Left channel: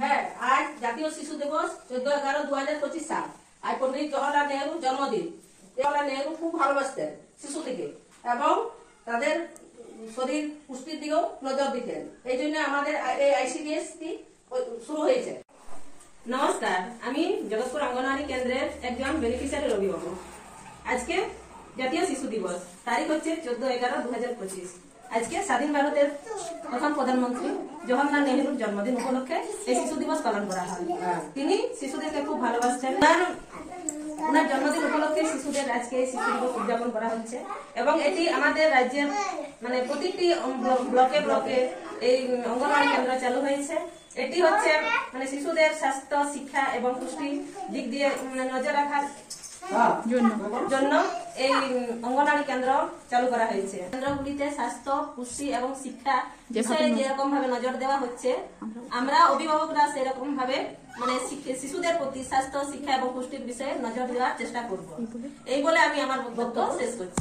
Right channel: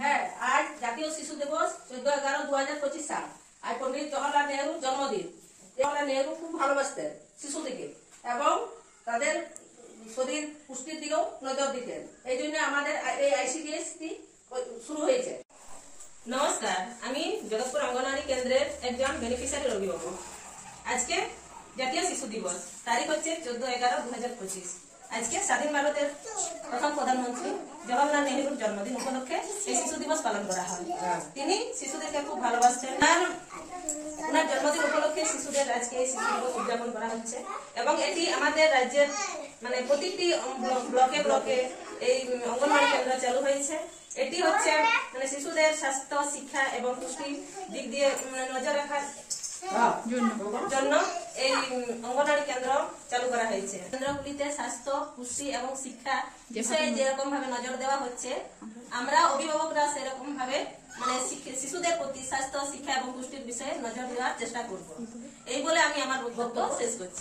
হ্যাঁ, আজ জাতীয় শিশু দিবস 14/11/2025 সাল। আজ পণ্ডিত জওহরলাল নেহরুর জন্মদিন। জওহরলাল নেহরু খুব ভালোবাসতেন শিশুদেরকে এবং তাদের শরীর পুষ্টির দিকেও নজর দিতেন। এই জন্য আমাদের এই আইসিডিএস শুরু হয়েছে। নমস্কার, আমি জগৎপুর অঙ্গনওয়াড়ি কেন্দ্রের একজন বেনিফিশিয়ারির অভিভাবক। আজকে জাতীয় শিশু দিবস, তারিখ হচ্ছে 14/11/2025। আজকে স্বাধীন ভারতের প্রথম প্রধানমন্ত্রী জওহরলাল নেহরুর জন্মদিন উপলক্ষে এই শিশু দিবস পালন করা হয়। তিনি শিশুদেরকে খুব ভালোবাসতেন। ওনার জন্মদিন উপলক্ষে শিশুদের আজকে এই শিশু দিবস উদযাপন করা হচ্ছে এবং এটি আমাদের রাজ্যের মানে প্রতিটি ব্লকে ব্লকে এই অঙ্গনওয়াড়ি কেন্দ্র চালু হয়েছে। এটি হচ্ছে মানে শিশুদের স্বাস্থ্য, শিক্ষা এবং পুষ্টি দিক দিয়ে নজর রাখার জন্য এই অঙ্গনওয়াড়ি কেন্দ্র চালু করা হয়েছে। কেন্দ্রগুলিতে স্বাস্থ্য, পুষ্টি এবং শিক্ষা বিষয়ে যেরকম ভাবে নজর দেওয়া হচ্ছে, আমরা অভিভাবকরা সেরকম ভাবে মানে শিশুদের প্রতি স্বাস্থ্য, শিক্ষা এবং পুষ্টির বিষয়ে নজর দেওয়ার চেষ্টা করব। এই বলে আমি আমার বক্তব্য শেষ করছি।